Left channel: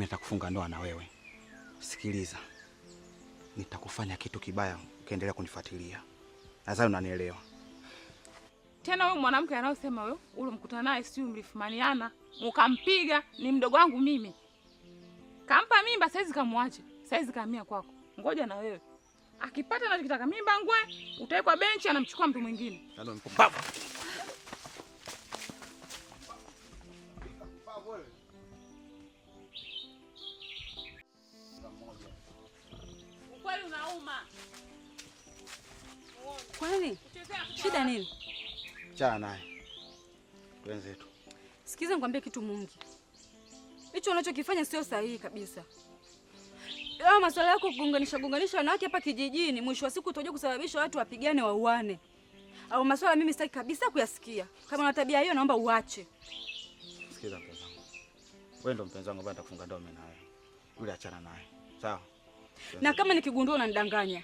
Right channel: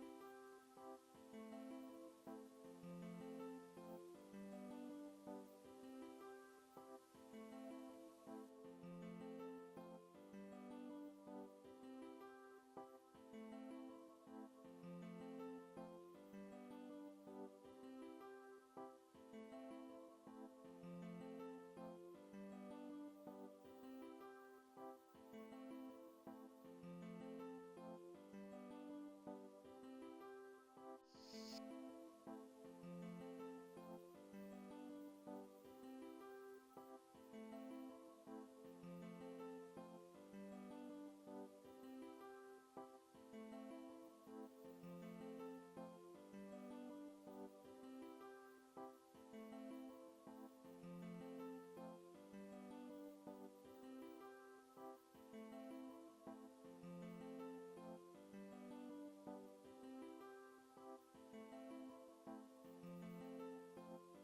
mimi nitakufunga ndoa na wewe. Sikiliza. Nitakufanya kitu kibaya ukiendelea kunifuatilia. Nadhani unanielewa. Tena wewe mwanamke anayosema wewe ule mkutana naye si mlifumaniana, ukampiga ni mdogo wangu mimi. Kampa mimba saizi kamwache. Saizi kahamia kwako. Ngoja na wewe. Akipata anachotaka mimba ngwe, utawekwa benchi anamchukua mtu mwingine. Ndio mpumbavu. Ukweli unauma. Kwani? Shida nini? Chana naye. Wenzetu. Sikiza nikwambie kitu Mungi. Hicho unachokifanya sio sahihi kabisa. Leo masuala yako kugonganisha wanawake hapa kijijini, mwisho wa siku utaje kusababisha watu wapigane wauane. Au masuala mimi sitaki kabisa kuyasikia. Kama una tabia hiyo naomba uache. Sikiza mpenzi wangu. Wewe ndo mpenzi wangu ambaye nitakufunga ndoa mimi nawe. Yule achana naye. Sawa? Na kama nikigundua unanidanganya.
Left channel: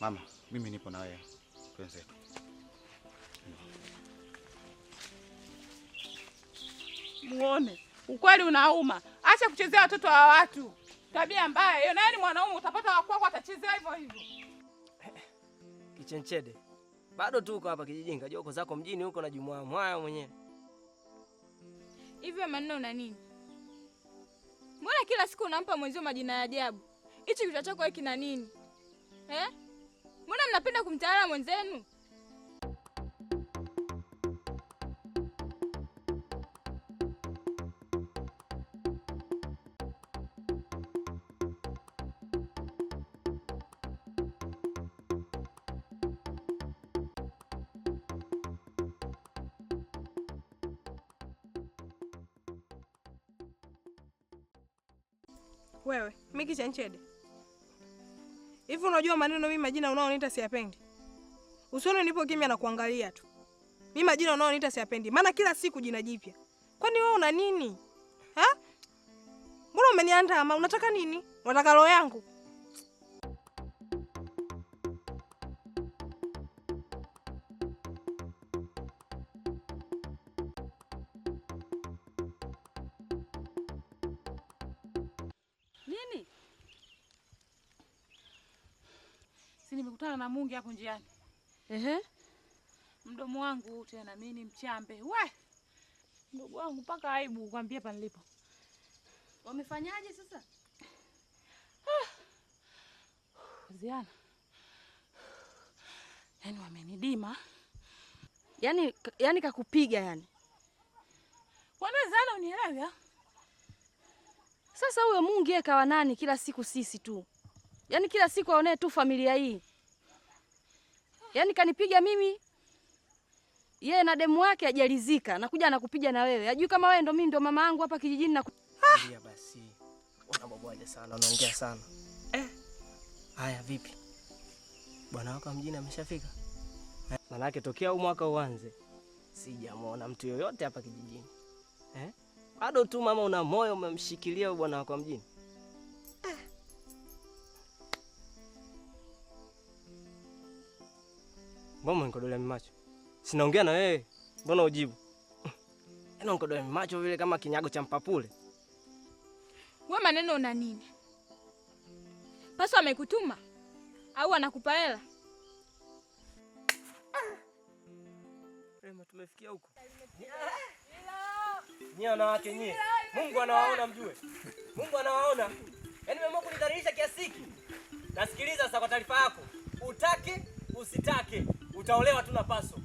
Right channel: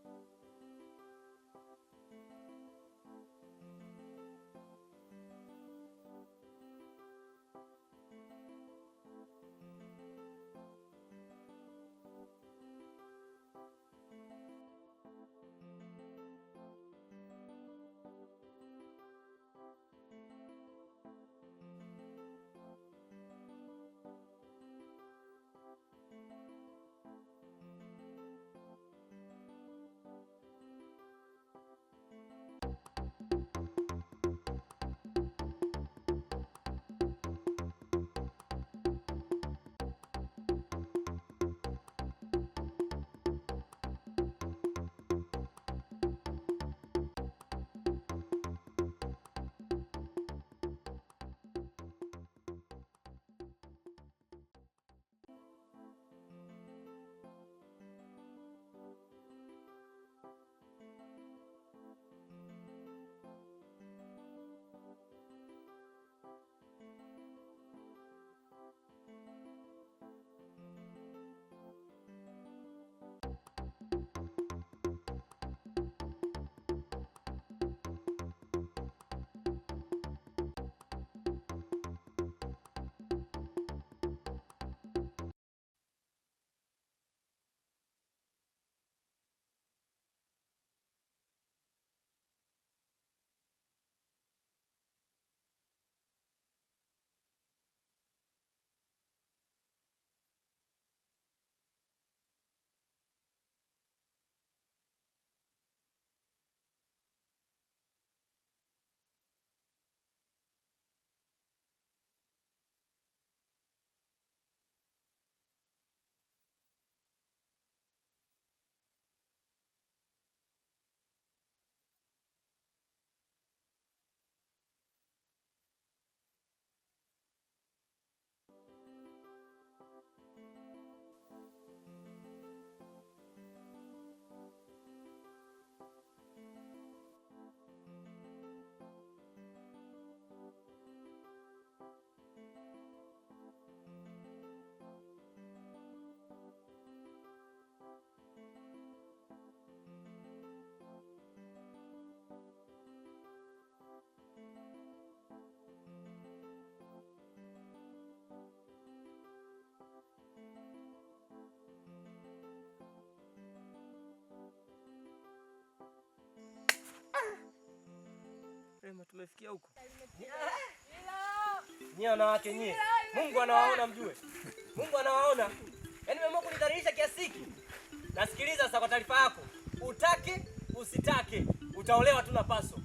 Mama, mimi nipo na wewe. Wenzetu. Muone. Ukweli unauma. Acha kuchezea watoto wa watu. Tabia mbaya. Hiyo nani mwanaume utapata wakwako atachezea hivyo hivyo. Kichenchede. Bado tu uko hapa kijijini, kajua uko zako mjini huko na jumwa mwaya mwenyewe. Hivyo maneno una nini? Mbona kila siku unampa mwenzio majina ya ajabu? Hichi kichwa chako hiki kina nini? Mbona mnapenda kumtawala mwenzenu? Wewe, mimi Kichenchede. Hivi unajua maneno mimi majina unaoniita siyapendi? Usione nipo kimya na kuangalia tu. Mimi majina unaoniita siyapendi. Maana kila siku jina jipya. Kwani wewe una nini? Ha? Mbona umeniandama? Unataka nini? Unataka roho yangu? Nimekutana na Mungi hapo njiani. Mdomo wangu tena mimi ni mchambe. We! Mdogo wangu mpaka aibu kukwambia hapa nilipo. Wamefanyaje sasa? Ziana. Yaani wamenidima. Yaani kakupiga yani. Kwani Ziana unielewa? Sasa huyo Mungi yeye kawa nani kila siku sisi tu? Yaani kila siku aonee tu familia hii. Yaani kanipiga mimi. Yeye na demu wake hajalizika, nakuja anakupiga na wewe. Hajui kama wewe ndo mimi ndo mama yangu hapa kijijini na Ndio basi. Unabwabwaje sana, unaongea sana. Haya vipi? Bwana wako mjini ameshafika? Manake tokea huu mwaka uanze sijamuona mtu yoyote hapa kijijini. Bado tu mama una moyo umemshikilia bwana wako mjini. Mbona unikodolea macho? Sinaongea na wewe. Mbona ujibu? Yaani unikodolea macho vile kama kinyago cha mpapule. Wewe maneno una nini? Paso amekutuma au anakupa hela? Rema tumefikia huko. Nyie wanawake nyie. Mungu anawaona mjue. Mungu anawaona. Yaani mmeamua kunidhalilisha kiasi hiki. Nasikiliza sasa kwa taarifa yako. Utake usitake utaolewa tu na Paso.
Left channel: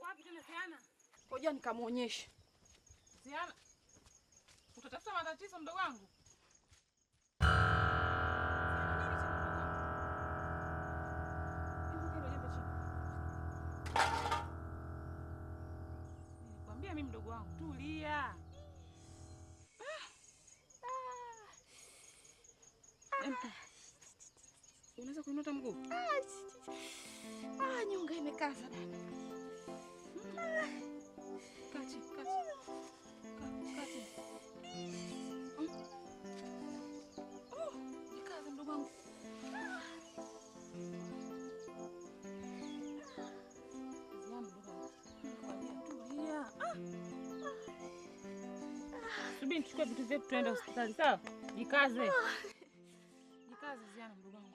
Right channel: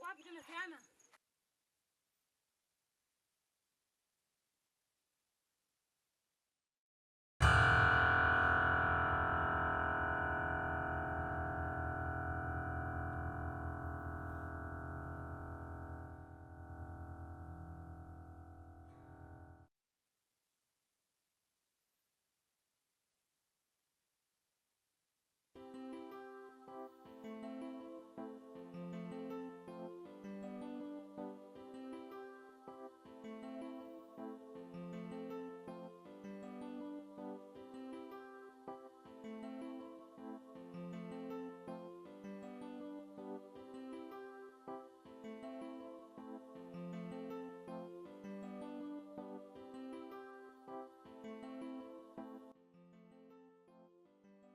Wapi tena Ziana? ngoja nikamuonyeshe. Ziana. Utatafuta matatizo mdogo wangu. Nikwambia mimi mdogo wangu tulia. Unaweza kuinuta mguu? Nyonga imekaza dada. Kati. Nikaza mdogo wangu. Subiri tuchukue vitu vyetu tuende hospitali, sawa? Jikaze. Jikaze Ziana mdogo wangu.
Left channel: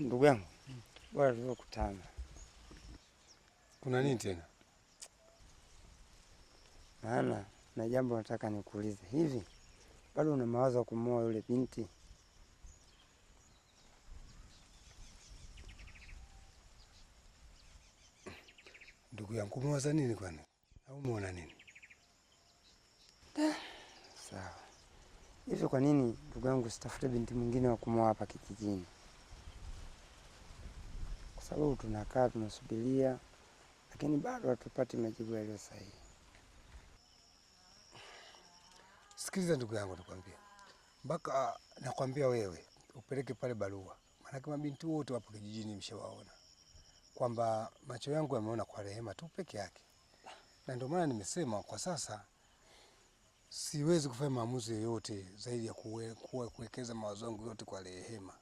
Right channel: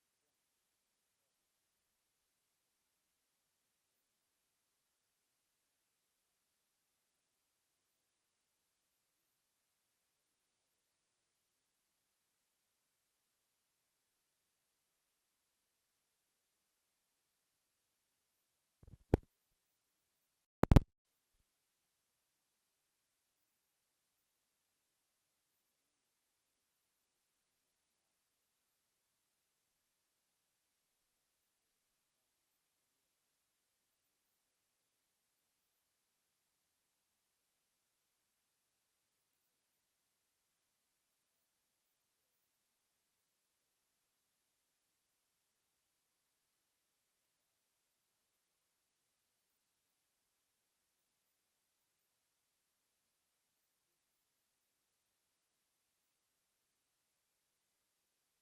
Ndugu yangu, bora tulivyokutana. Kuna nini tena? Maana na jambo nataka nikuulize. Hivi bado una mawazo ya kumwoa yule binti? Ndugu yangu, umewaza nini kwani? Au umeona nini? Sawa. Hivi kwa nini ndugu yangu sitafute binti mwingine wa kumwoa hapa kijijini? Kwa sababu tunakaa tunasubiria, lakini bado hatupati majibu yaliyo sahihi. Sikiliza ndugu yangu, nakwambia. Mpaka nakwambia wewe upeleke pale barua. Maana kama binti wote wapo kijijini mshawaona. Kwamba macho yangu yameona kwa Rehema tu peke yake. Na ndio maana nimesema kwa sasa siwezi kufanya maamuzi yoyote zaidi ya kuwekeza mawazo yangu yote kwa Rehema.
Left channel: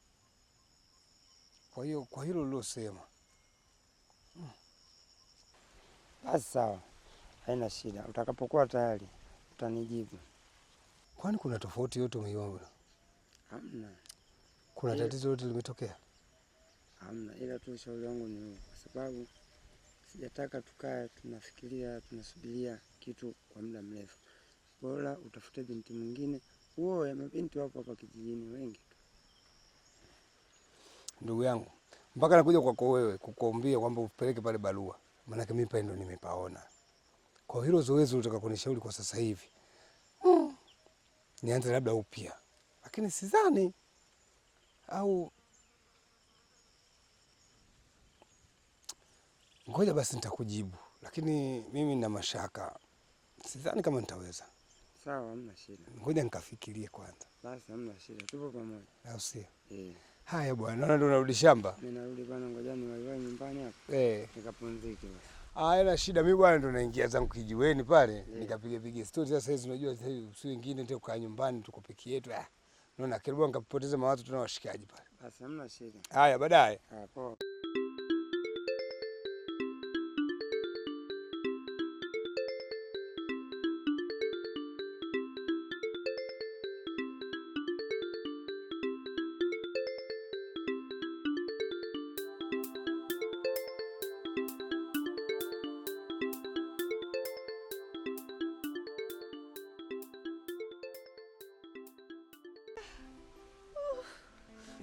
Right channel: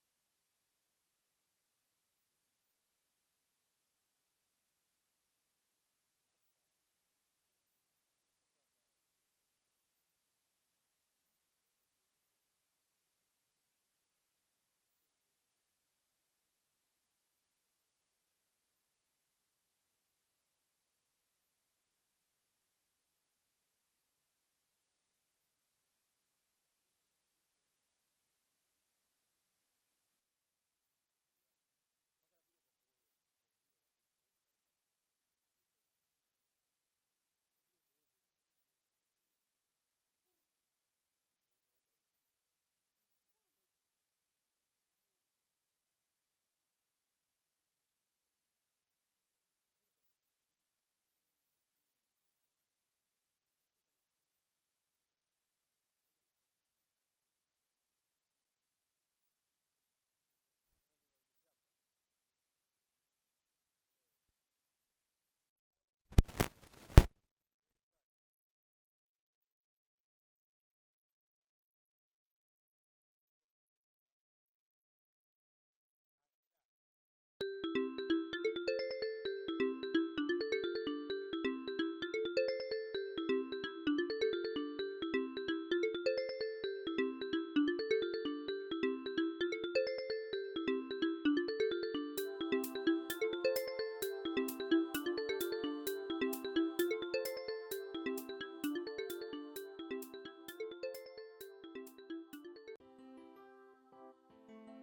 Kwa hiyo kwa hilo lilosema. Basi sawa. Haina shida. Utakapokuwa tayari utanijibu. Kwani kuna tofauti yote umeiona? Hamna. Kuna tatizo lote limetokea? Hamna, ila tu ushauri wangu ni huu, kwa sababu sijataka tukae tunafikiria tunasubiria kitu kwa muda mrefu. Bora utafute binti mwingine. Uoe, mabinti wapo hapa kijijini wengi tu. Ndugu yangu, mpaka nakuja kwako wewe kukuombea kwamba upeleke pale barua. Maana mimi pale ndo nimepaona. Kwa hilo zoezi unataka kunishauri kwa sasa hivi. Nianze labda upya. Lakini sidhani au ngoja basi nitakujibu. Lakini mimi nina mashaka. Sidhani kama nitaweza. Sawa, hamna shida. Ngoja nikafikirie kwanza. Basi hamna shida. Tupo pamoja. Au sio? Haya bwana, naona ndo unarudi shamba. Mimi narudi bwana, ngoja niwahi nyumbani hapo. Nikapumzike basi. Haina shida, mimi bwana ndo naingia zangu kijiweni pale, nikapiga story. Sasa hizi unajua si wengine ndio kukaa nyumbani tuko peke yetu. Naona karibu nikapoteza mawazo, tuna washikaji pale. Basi hamna shida. Haya, baadaye. Poa.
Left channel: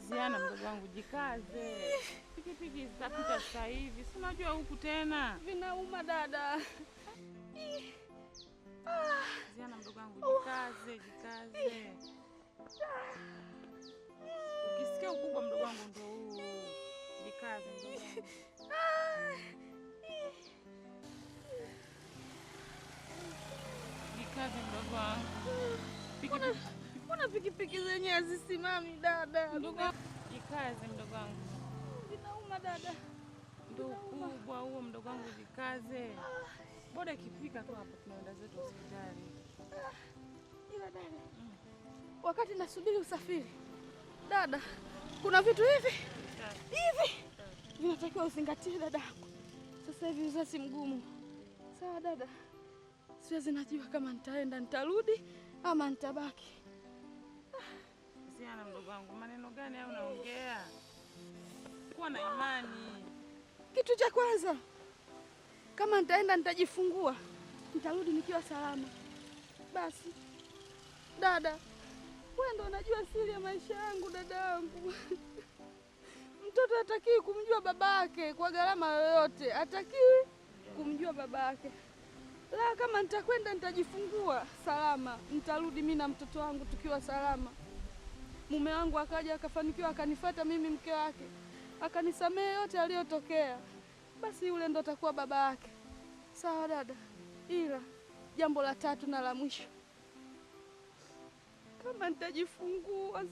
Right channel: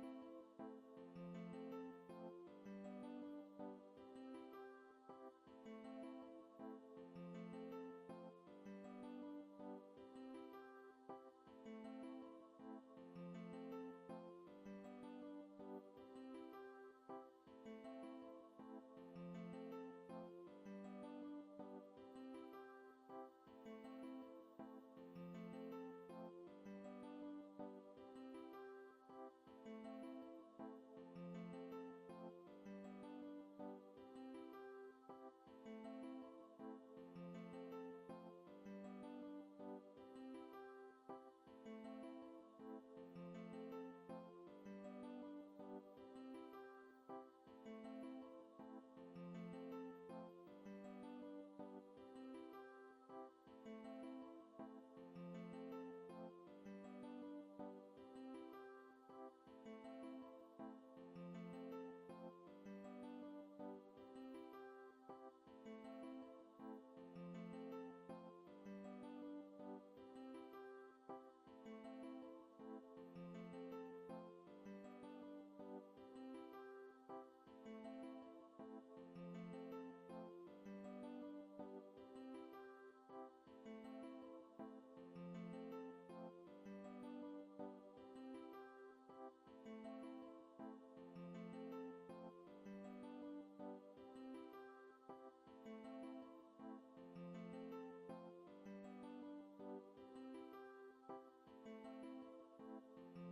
Ziana mdogo wangu, jikaze. Pikipiki zitapita sasa hivi. Si unajua huku tena. Vinauma dada. Ziana mdogo wangu, jikaze. Ukisikia ukubwa mdogo wangu ndio huu. Jikaze mdogo wangu. Jikaze mdogo wangu. Mbona pikipiki zenye hazisimami dada? Jikaze mdogo wangu. Vinauma dada. Ndio ukubwa huo mdogo wangu, jikaze. Boda ikifika tu hapo tunaenda zetu hospitali. Ila dada, wakati nasubiri usafiri dada, kuna vitu hivi vinatakiwa uzingatie dadangu. Sasa hivi uzazi mgumu. Sawa dada, siwezi najua kama nitaenda nitarudi ama nitabaki. Ziana mdogo wangu, maneno gani hayo unaongea? Kuwa na imani. Kitu cha kwanza, kama nitaenda nitajifungua, nitarudi nikiwa salama. Basi dada, wewe ndo unajua siri ya maisha yangu dadangu. Mtoto hatakiwi kumjua babake kwa gharama yoyote, hatakiwi kumjua babake. La, kama nitakwenda nitajifungua salama, nitarudi mimi na mtoto wangu tukiwa salama. Mume wangu akaja akafanikiwa akanifuata mimi mke wake, akanisamehe yote aliyotokea, basi yule ndo atakuwa baba yake. Sawa dada, ila jambo la tatu na la mwisho, kama nitajifungua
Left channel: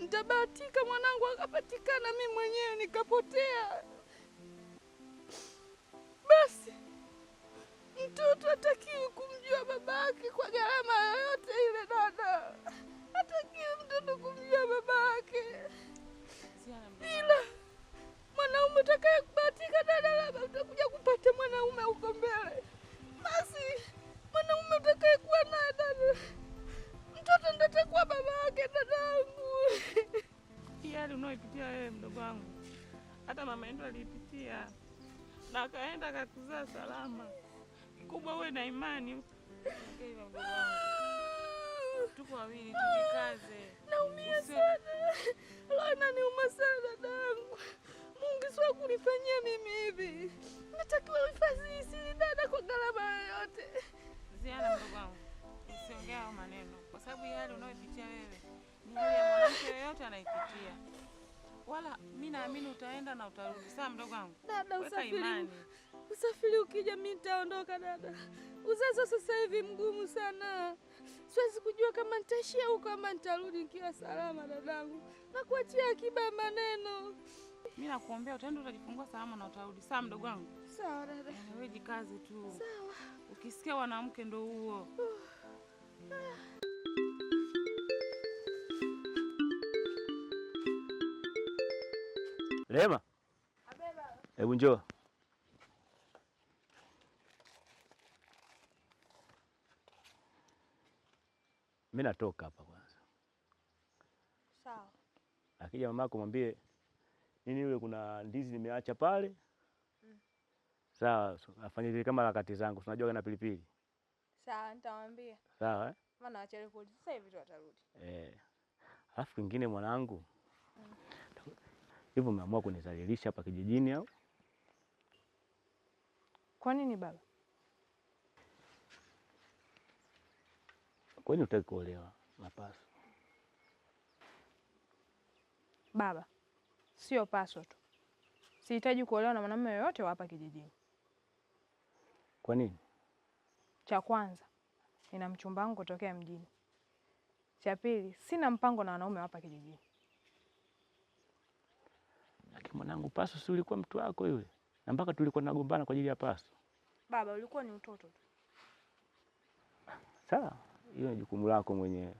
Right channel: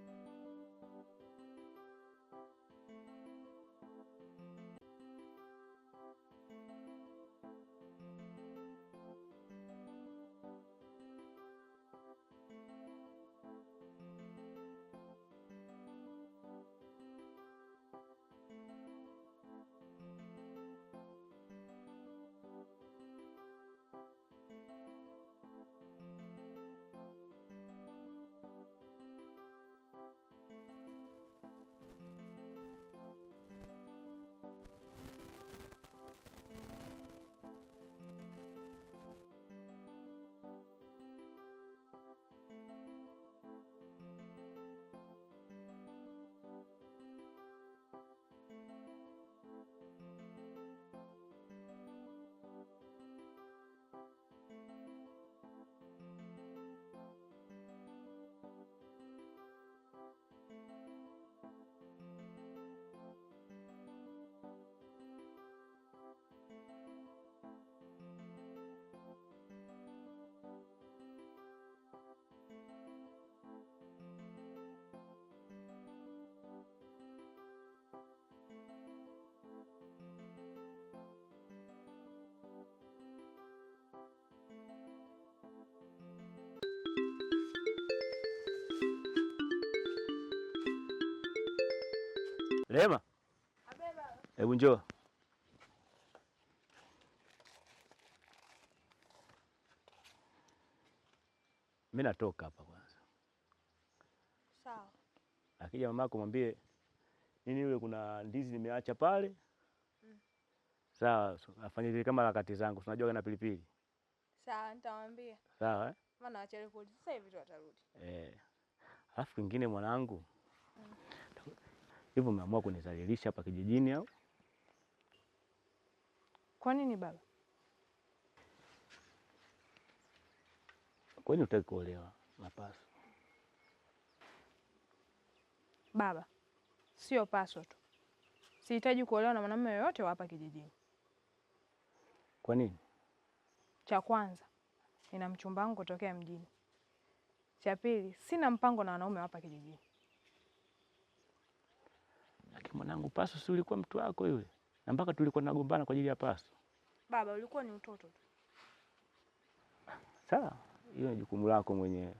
nitabahatika mwanangu akapatikana, mimi mwenyewe nikapotea, Basi mtoto hatakiwi kumjua babake kwa gharama yoyote ile dada. Hatakiwi mtoto kumjua babake. Ila mwanaume utakaye kubahatika dada, labda utakuja kupata mwanaume huko mbele. Basi mwanaume utakaye kuwa naye dada, mtoto ndo atakuwa babake dadangu. Hali unaoipitia wewe mdogo wangu, hata mama yetu alipitia na akaenda akatuzaa salama. Kubwa uwe na imani. Tuko wawili, tujikaze. Naumia sana. Lana niuma sana dadangu. Mungu sio kunifanyia mimi hivi. Natakiwa uhifadhi siri dada kwa gharama yoyote. Ziana mdogo wangu, usiongea maneno kwa sababu hali unaoipitia wewe ni hali ya mwanamke yoyote anaipitia. Wala mimi naamini utaenda na utarudi. Sawa mdogo wangu? Dada, usafiri ukija mimi nitaondoka dada. Uzazi sasa hivi mgumu sana. Siwezi kujua kama nitaishia huko kama nitarudi nikiwa salama dadangu. Nakuachia akiba ya maneno. Mimi nakuombea utaenda utajifungua salama na utarudi. Sawa mdogo wangu? Sawa dada. Wewe jikaze tu. Sawa. Ukisikia wanawake ndo huo. Rehema. Abeba. Hebu njoo. Mimi natoka hapa kwanza. Sawa. Akija mamako mwambie nini yule kuna ndizi nimeacha pale. Sawa, afanye vile kama harakati zangu. Unajua kana pilipili. Sawa, nitamwambia. Sawa Maana achele kurudi. Sasa hivi tu atarudi. Alafu kingine mwanangu. Hivyo umeamua kunizalilisha hapa kijijini au? Kwa nini baba? Kwani hutaki kuolewa na Paso? Baba, sio Paso tu. Sihitaji kuolewa na mwanamume yoyote wa hapa kijijini. Kwa nini? Cha kwanza, nina mchumba wangu kutokea mjini. Cha pili, sina mpango na wanaume wa hapa kijijini. Lakini mwanangu, Paso si ulikuwa mtu wako yule? Na mpaka tulikuwa tunagombana kwa ajili ya Paso. Baba, ulikuwa ni utoto tu. Sawa, hiyo ni jukumu lako mwenyewe.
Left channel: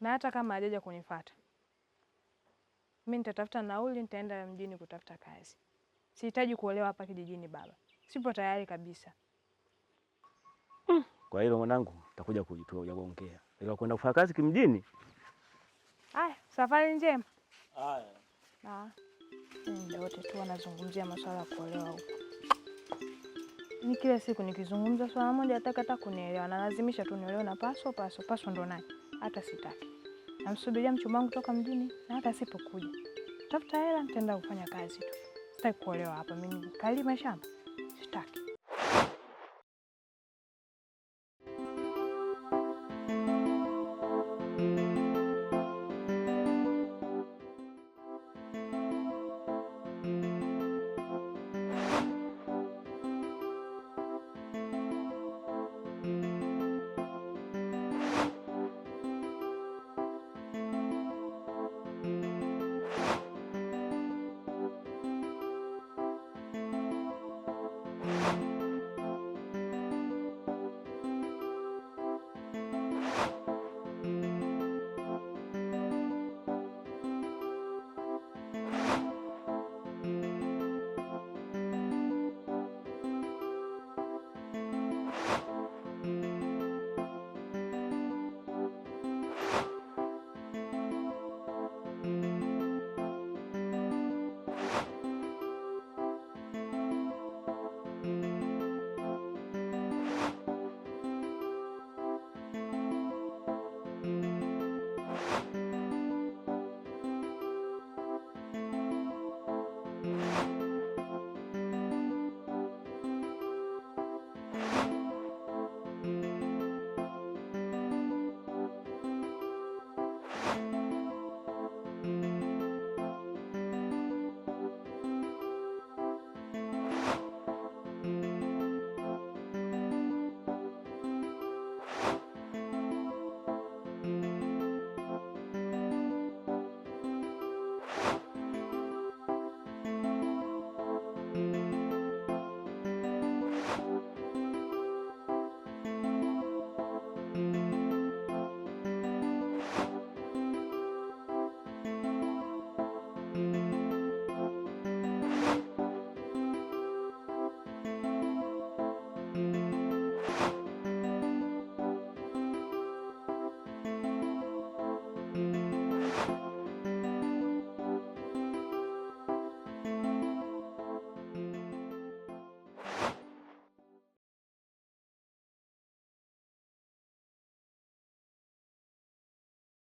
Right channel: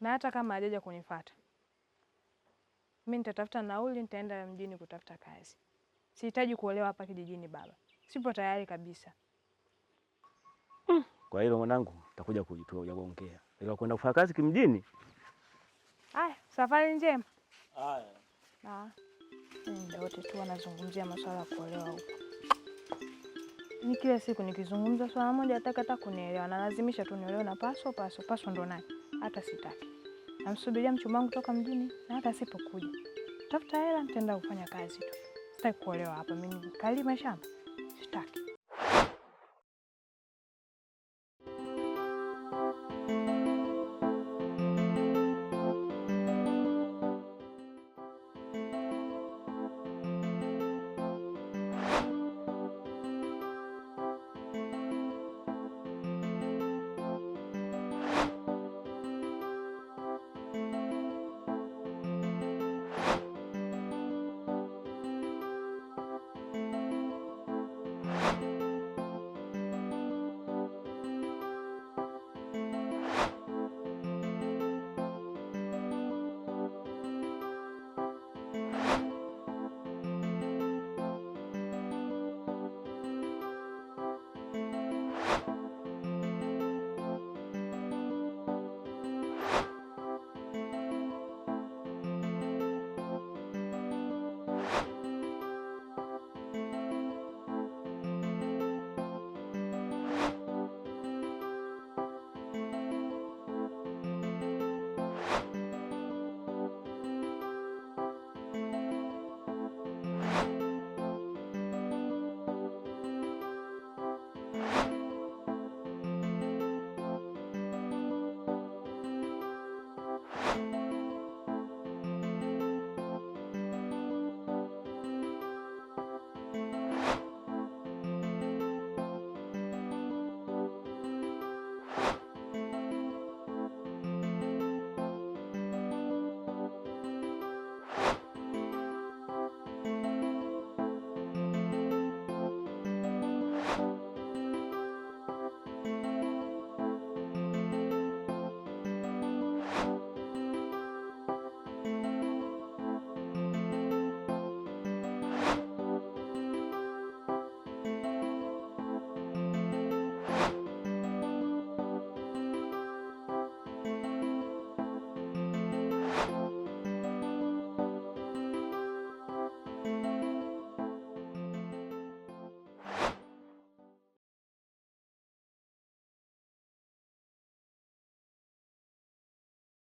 Na hata kama hajaja kunifuata, mimi nitatafuta nauli, nitaenda mjini kutafuta kazi. Sihitaji kuolewa hapa kijijini baba. Sipo tayari kabisa. Kwa hilo mwanangu, utakuja kuongea. Ila kwenda kufanya kazi kimjini? Haya, safari njema. Haya. Muda wote tu wanazungumzia masuala ya kuolewa huko. Ni kila siku nikizungumza swala moja hata kunielewa, na lazimisha tu niolewe na Paso. Paso ndo naye. Hata sitaki. Namsubiria mchumba wangu kutoka mjini, na hata asipokuja, tafuta hela nitaenda kufanya kazi tu. Sitaki kuolewa hapa mimi. Kalima shamba. Sitaki.